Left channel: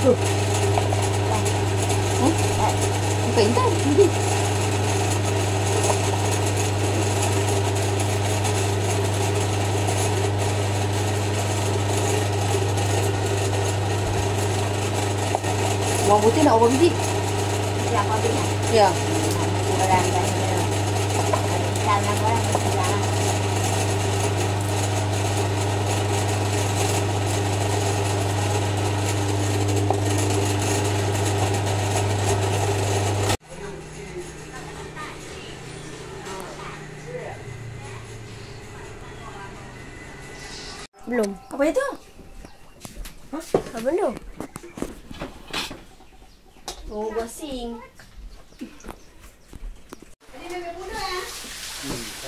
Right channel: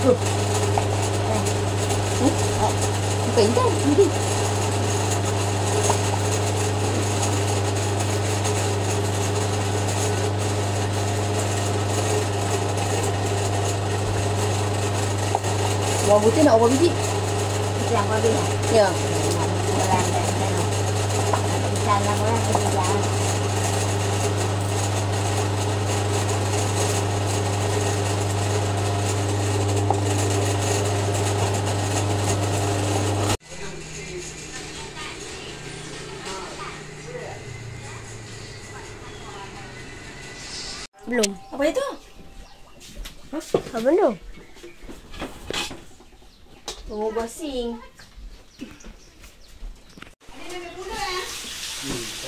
Bukan intan. Nanti. Bawang putih nak berapa biji? Yang habis. Ya. Belum. Apa itu? Hah? Belum. Tunggu gosing.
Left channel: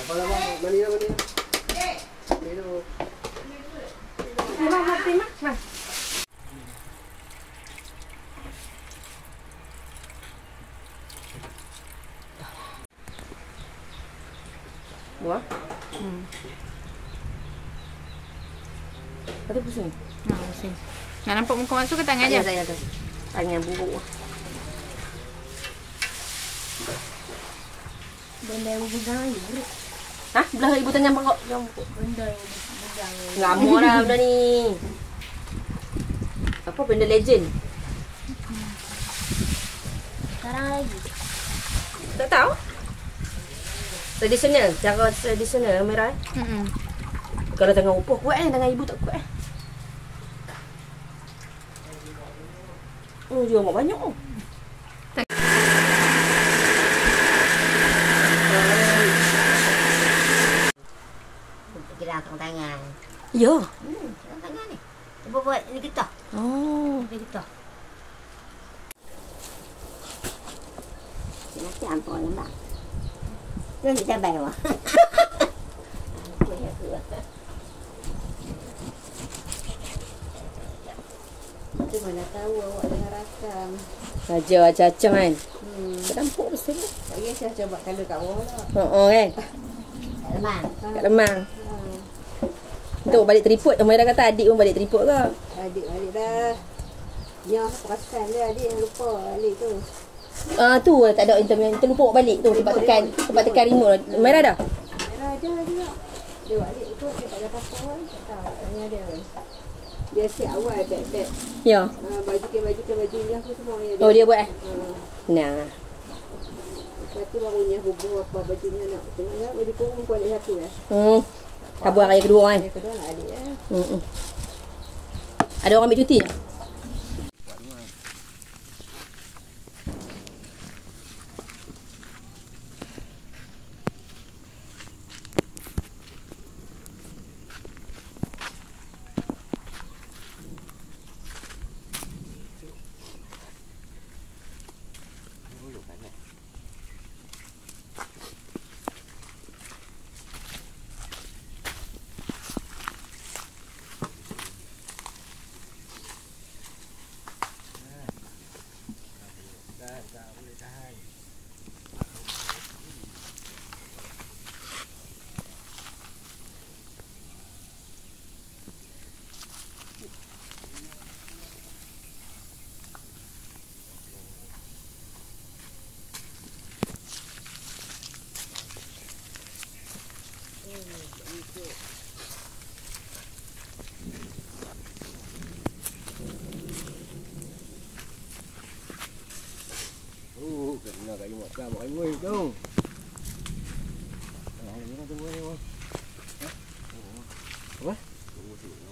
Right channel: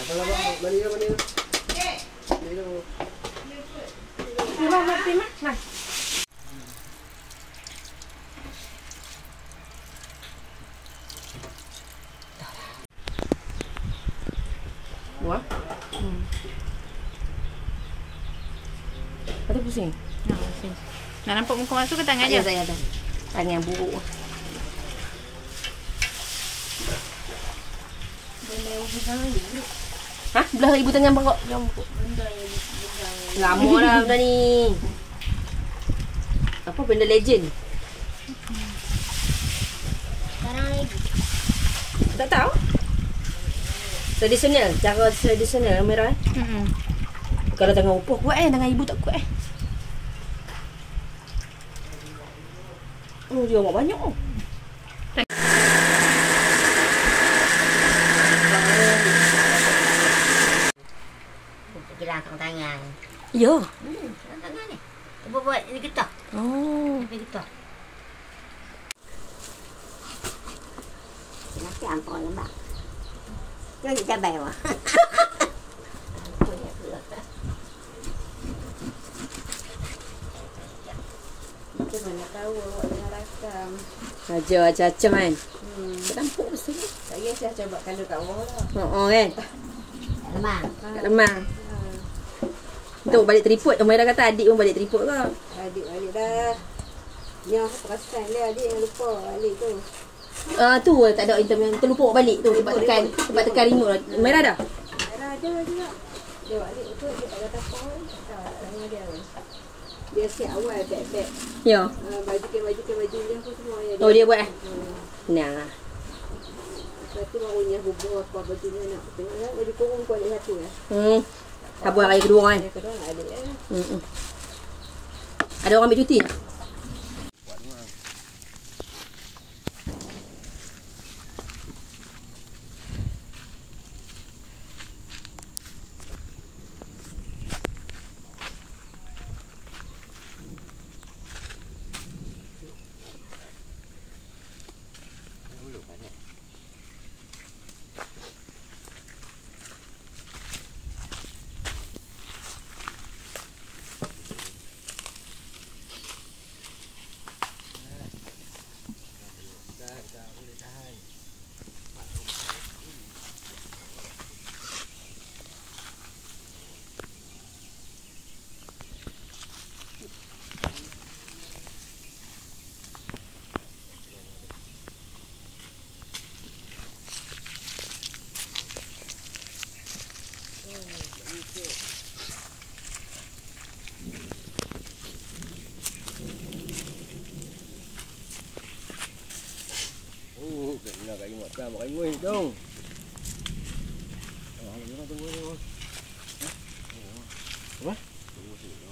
Apa lah bang? Mari dulu. Ni bang, nak terima? Bang. Buah. Ada pusing? Nah, pusing. Nak nampak muka masuk ke tangan Ya, je? saya ada. Tangan buruk. Benda yang pegang ni. Hah? Belah ibu tangan bangkok. Benda yang pegang. Lama lah benda ni. Apa benda legend? Sekarang lagi. Tak tahu. Tradisional, cara tradisional merah. Kalau tangan upah kuat tangan ibu tak kuat Oh, dia amat banyak oh. Gerakkan tangan. Ya. Gerakkan tangan ni. Cuba buat ni getah. Oh. Ni getah. Nanti ampun lembak. Jangan cabai wah. Macam mana tahu awak tengah rakam. Saja macam-macam kan. Tak nampak betul ni. Tak kisah saya coba kalau kat bawah lah. Kan. Tak lemang. Kat lemang. Untuk balik tripod. Umairah kata adik pun balik tripod ke? Adik balik dah. Ni aku perasan dia adik yang lupa balik tu. Tu tak ada interview. Terlupa balik tu tempat tekan remote. Umairah dah? Ada juga. Dia balik tu dia tak kata apa pun. Tak tanya dia pun. Dia siap awal beg-beg. Ya. Baju dia aku semua dia. Oh dia buat Nah. Lepas tu barunya hubung apa bajunya nak tengok baju kurung pun ada satu lah. Sabar raya kedua kan. Yang kedua nak adik Ada orang ambil cuti tak? Nak kat imut kan, makan ngui tu. Ni tunggu ni. Apa? Tunggu sini.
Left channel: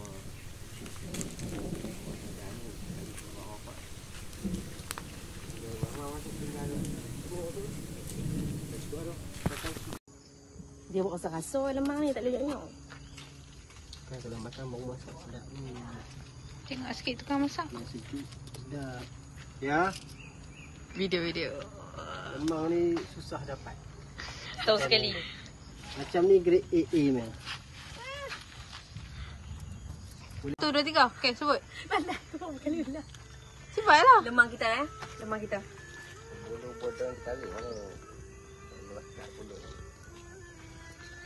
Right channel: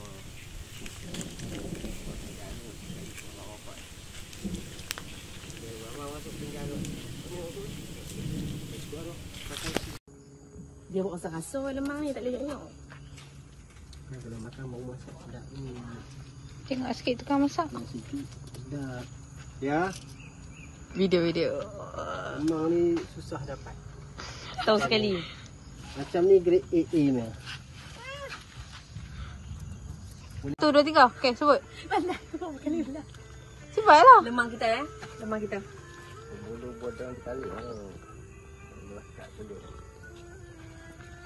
Dia buat rasa-rasa lemang ni tak boleh tengok. Kalau makan baru masak sedap ni. Tengok sikit tukang masak. Sikit sedap. Ya. Video. Lemang ni susah dapat. Tahu sekali. Macam ni grade AA ni. 1, 2, 3. Okey, sebut. Pandai kau kali lah. Cepatlah. Lemang kita Lemang kita. Bulu bodang kepala.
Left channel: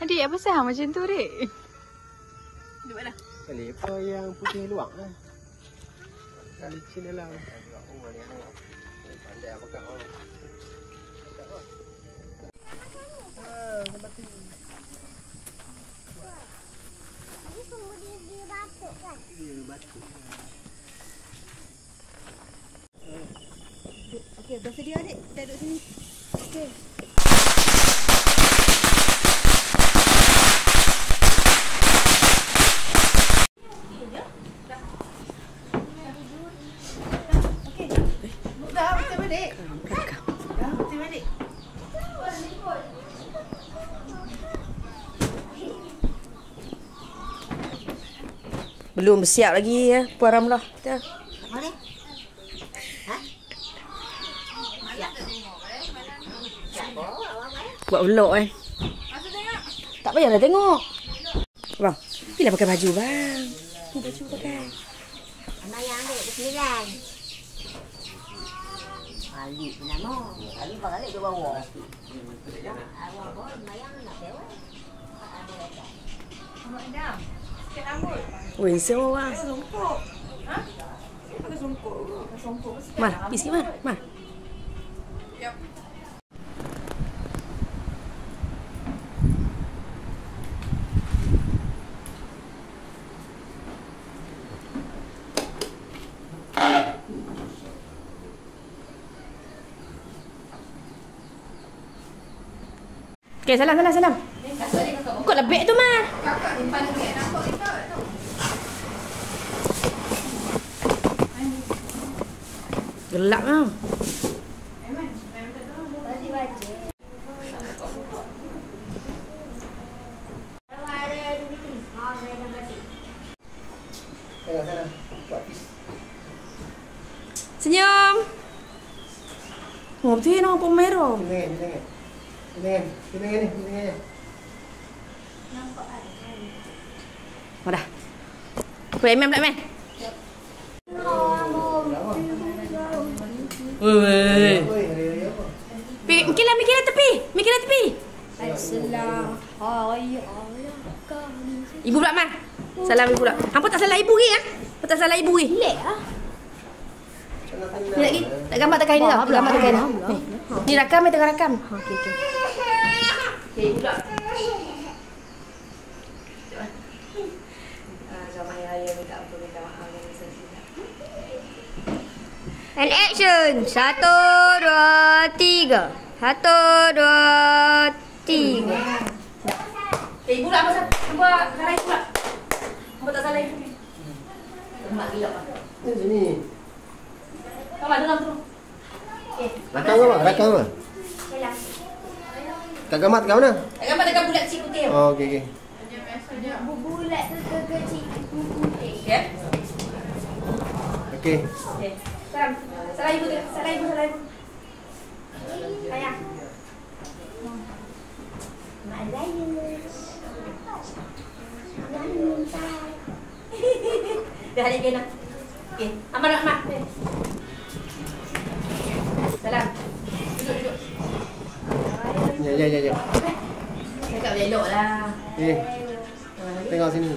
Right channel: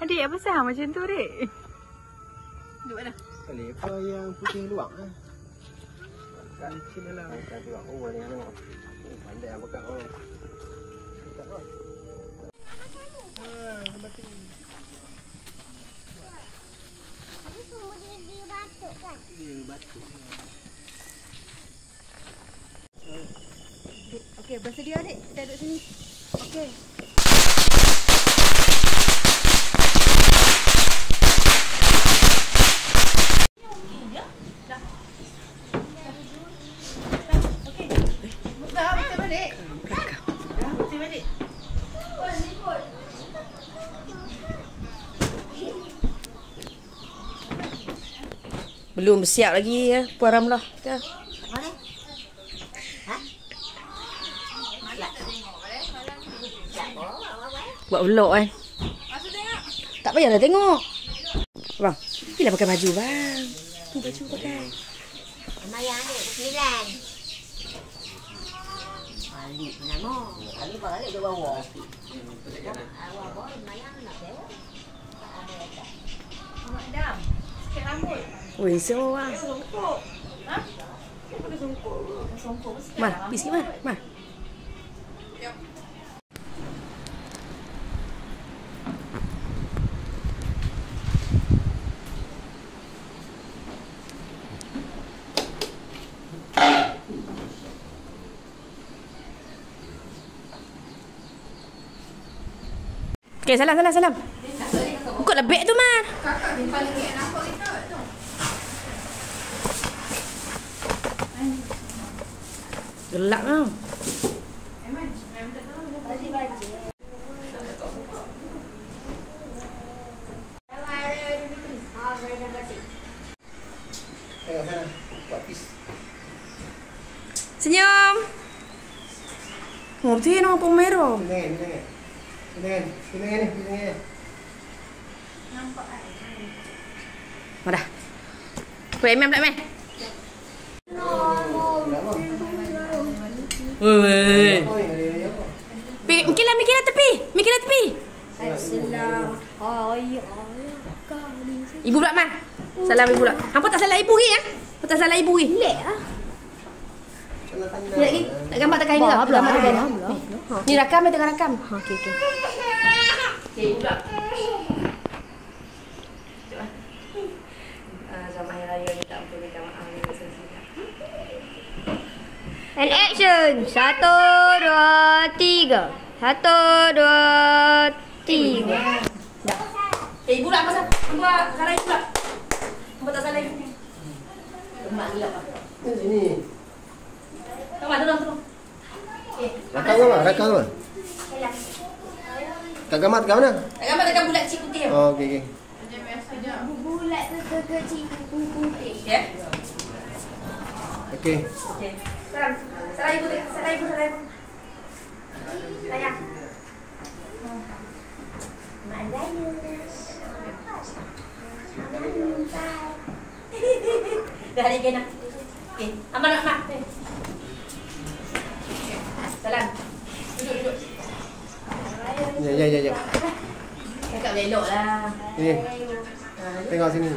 Adik, apa sah macam tu, Dik? Duduk mana? Lepas yang putih luar lah. Sini lah. Oh, ni mana? Ada yang bekak oh. Okey, bersedia adik. Kita duduk sini. Okey. Belum bersiap lagi ya, Puan Ramlah. Dah. Mana? Ha? Buat vlog kan. Tak payahlah tengok. Bang, bila pakai baju bang? Ni baju pakai. Mayang dek, berkeliran. Alik nama. Alik balik ke bawah. Awak bawa mayang nak dewa. Madam. Weh, semua bang. Mar, pergi sikit Mar. Mar. Okay, salam. Ikutlah beg tu, Mar. Kakak ni paling beg nampak kita tu. Gelap tau. Senyum. Oh, betul nak pun merah. Sini. Dah. Play mem. Woi. Mikirlah tepi. Ibu pula Mar. Salam ibu pula. Hampa tak salah ibu ke ya? Hampa tak salah ibu ke? Lek ah. Lagi. Tak gambar tekan ini. Gambar tekan ini. Ni rakam tengah rakam. Okey. Okey, ibu pula. And action. 1, 2, 3. 1, 2, 3. Ibu pula apa sah? Hampa salah ibu pula. Hampa tak salah ibu. Mak gila apa? Sini. Kamu turun. Okey. Rakam ke? Kak Gamat kat mana? Gambar tekan bulat cik putih. Oh, okey. Bulat tu kecil putih. Ya. Okey. Okey. Salah ibu. Sayang. Mak Zayus. Dah hari kena. Okey, aman. Salam. Duduk. Ya. Cakap elok lah. Ni. Tengok sini.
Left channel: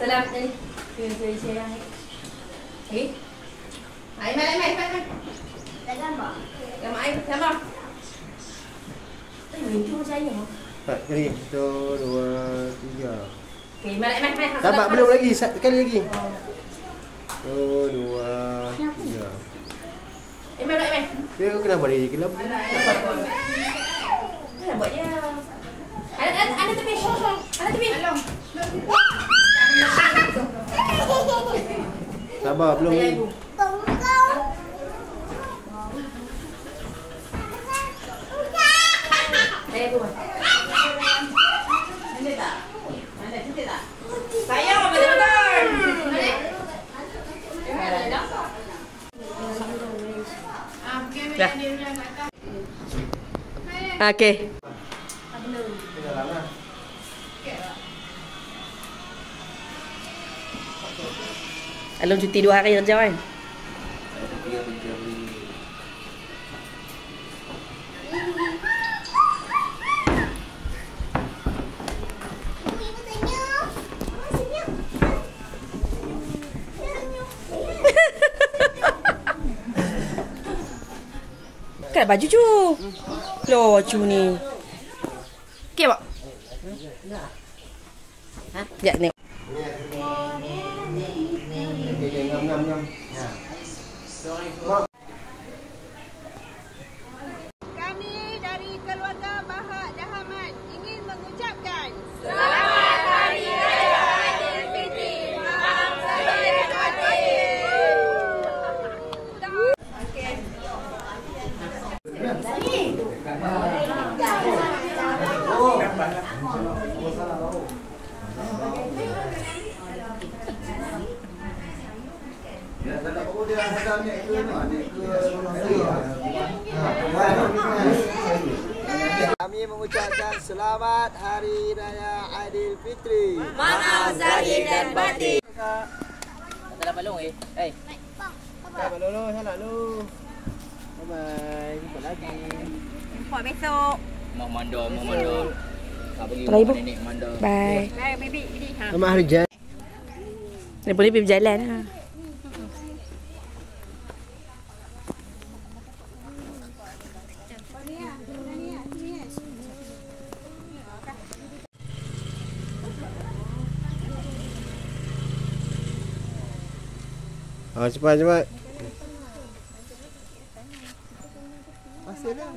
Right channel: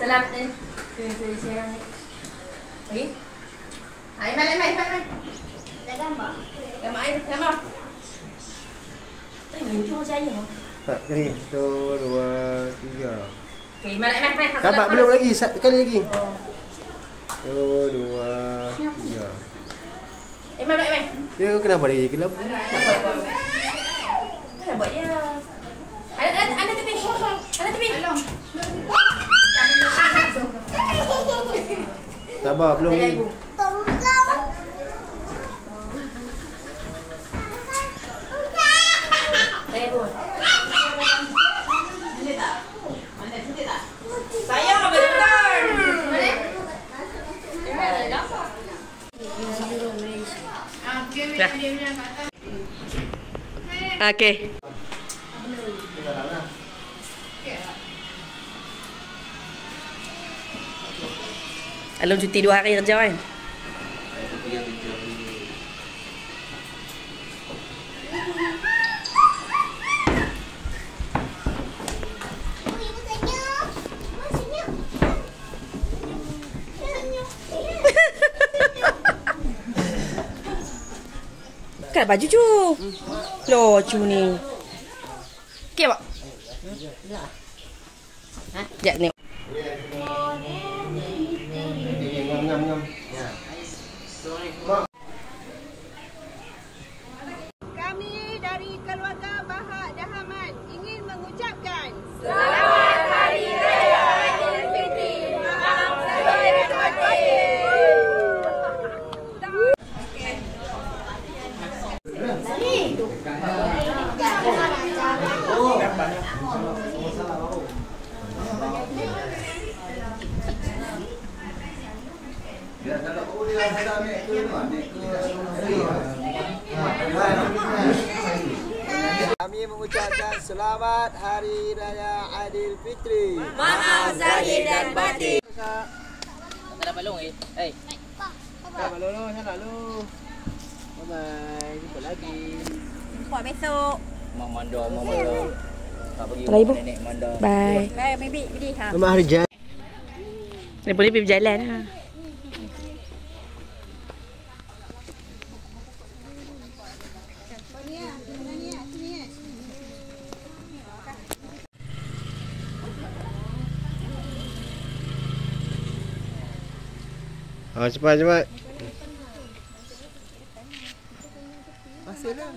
Salam. Sayang. Okey. Hai, mai. Tak gambar. Gambar. Muncul saya. Tak, kali. 1, 2, 3. Okey, mai. Dapat belum lagi? Sekali lagi. 1, 2, 3. Mai. Dia kenapa dia gelap? Mana buat dia? Ada tepi. Sabar, belum Saya lagi. ibu. Saya ibu. Saya apa betul? Dah. Okey. Alun cuti 2 hari kerja kan? pakai baju cu. Loh, cu ni. Okey, Pak. Ha? Sekejap ni. Kami dari keluarga Bahak Dahaman ingin mengucapkan Selamat Hari Raya Aidilfitri. Maaf lahir dan batin. Kami mengucapkan selamat Hari Raya Aidilfitri. Maaf lahir dan batin. Tak dapat long eh. Eh. Bye dulu, sana dulu. Bye-bye. Jumpa lagi. jumpa besok. Mau mandor, mau mandor. Tak pergi Kalau ibu. nenek mandor. Bye. Baik, baby. Ini ha. Selamat Hari Jaya. Dia boleh pergi berjalan ha. Cepat. Masih dah.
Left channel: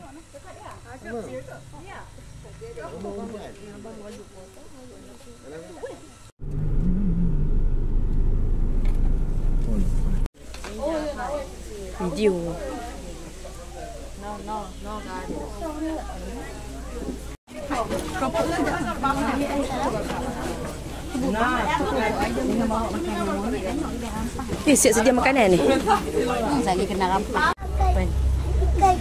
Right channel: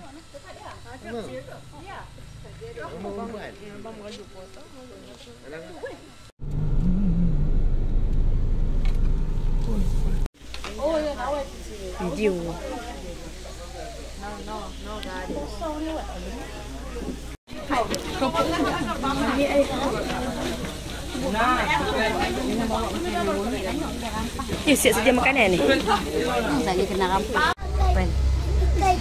Video. Siap sedia makanan ni. Saya kena rampak. Dah,